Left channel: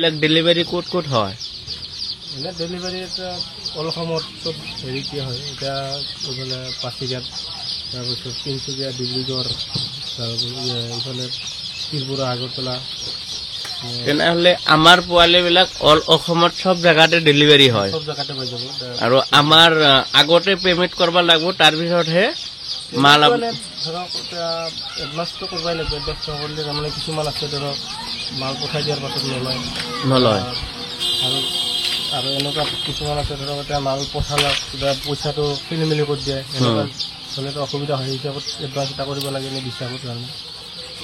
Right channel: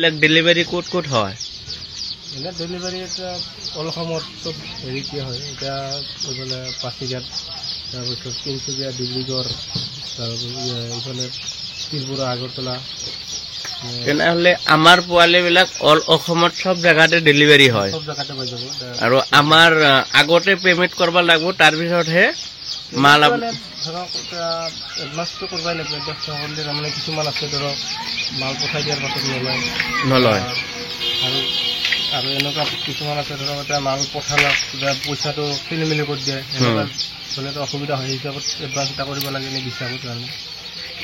এইবিলাক ডেলিভাৰী ক'ত ক'ত হয়? এনে ডেলিভাৰী এটা অল অসমত চব হেৰি কি হয় এতিয়া এইফালে পাচিঘাট তাৰপিছত তিনিচুকীয়া ডিব্ৰুগড় তাৰপিছত এইফালে ত্ৰিপুৰা আগৰতলা। তেনেহ'লে আমাৰ পোৱালিবিলাক অল অসমত চব জেগাতে ডেলিভাৰী হয়। চব জেগাতে পাই যাব। আৰু আমাৰ আগতে পেমেণ্ট কৰিব লাগিব, তাৰপিছতহে মাল ধৰক এতিয়া এডভান্সটো কৰিবই লাগিব। এডভান্স নকৰিলে তাৰমানে কিছুমান আছে ধৰক মাল পঠাই দিয়াৰ পাছত নলয়। আৰু এনেকুৱা কিছুমান আছে ধৰক এতিয়া মাল পঠালক কিবা পইচাটো খেলি মেলি কৰি দিয়ে, এনেকুৱা হ'লেতো অসুবিধা হয়। হিচাপত এডভান্স এটা কৰিব লাগে নে হিচাপত কাৰণে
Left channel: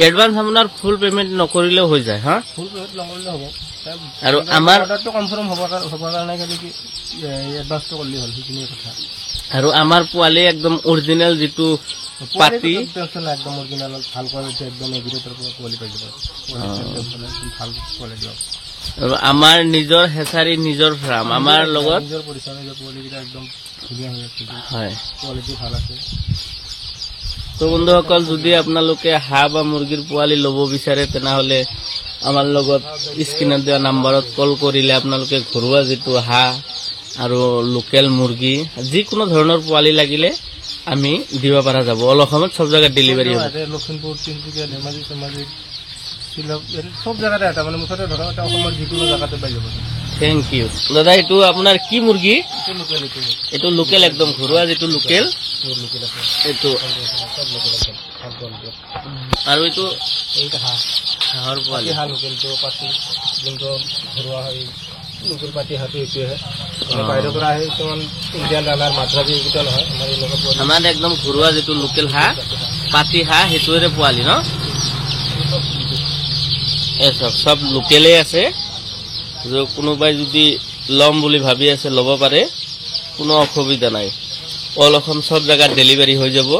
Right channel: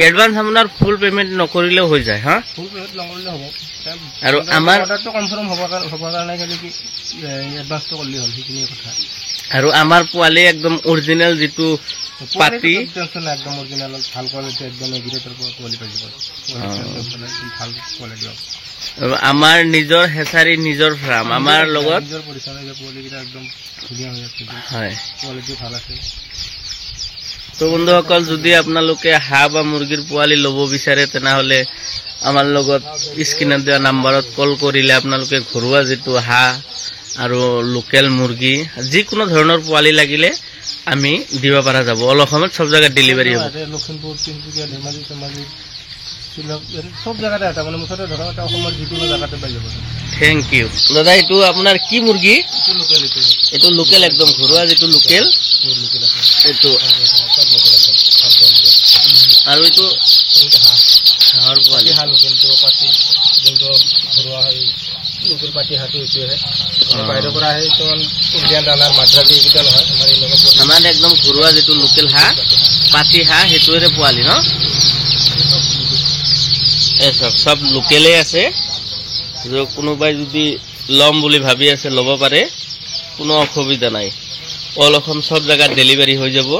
এডভান্স আপোনাৰ ফুল পেমেণ্ট নকৰিলেও হৈ যায়। হা, ফুল পেমেণ্ট নকৰিলে হ'ব। আৰু আমাৰ অৰ্ডাৰটো কনফাৰ্ম হ'বৰ কাৰণে খালি কি এডভান্সটো কৰিলে হ'ল, সেইখিনিয়ে কথা। আৰু আমাৰ পোৱালি একদম অৰিজিনেল যিটো পাতি টেনশ্যন নাই, একদম অৰিজিনেল ভাল কোৱালিটি, একদম এগ্ৰিগেটৰ পৰা পোৱালি পাই যাব। ভাল কোৱালিটি হ'ব। আমাৰ নিজৰ হেচাৰী নিজৰ ফাৰ্ম, আমাৰ লগত নিজৰ পৰিচয় নিজৰ পোৱালিকেইটা একদম ধুনীয়া হৈ আছে। হয়, কোৱালিটি ভাল আছে। তো বন্ধুসকল, যদি আপোনালোকে হাঁহ বা মুৰ্গীৰ পোৱালি ল'ব বিচাৰে তেনেহ'লে আমাৰ লগত স্ক্ৰীনত দিয়া নাম্বাৰত কল কৰিলে আপোনালোকে ঘৰুৱা যিটো হাঁহ আৰু লোকেল মুৰ্গী যিকোনো ধৰণৰ পোৱালি লাগিলে আমি দিব পৰা যাব। অল অসমত চব জেগাত ডেলিভাৰী হ'ব। লখিমপুৰ, তিনিচুকীয়া, ধেমাজি, চব জেগাতে এটা মানে মুঠতে ধৰক এটা অসমৰ যিকোনো জেগাতে পাই যাব। থেংক ইউ দাদা। এইটো আপোনাৰ কি মুৰ্গী? এইটো লোকেল, একদম ঘৰুৱা যিটো লোকেল এইটো। আৰু এইটো হাঁহৰ পোৱালি যোনটো ঘৰুৱা হয় লোকেল পাতি হাঁহটো এইটোহে। বাহিৰৰ পৰা আহে কিছুমান ইণ্ডিয়ান দানাৰ মাদ্ৰাজী এইকেইটা নহয়, আমাৰ এনেকুৱা আমাৰ একদম ঘৰুৱা যিটো লোকেল হাঁহ পাতি হাঁহ সেইটোৰে পোৱালি ন। এই চব লোকেলেই আছে। কোনোবাই যদি ল'ম বুলি ভাবি আছে ল'ব পাৰে, কোনো অসুবিধা নাই। অল অসম চব জেগাত ডেলিভাৰী হৈ যাব।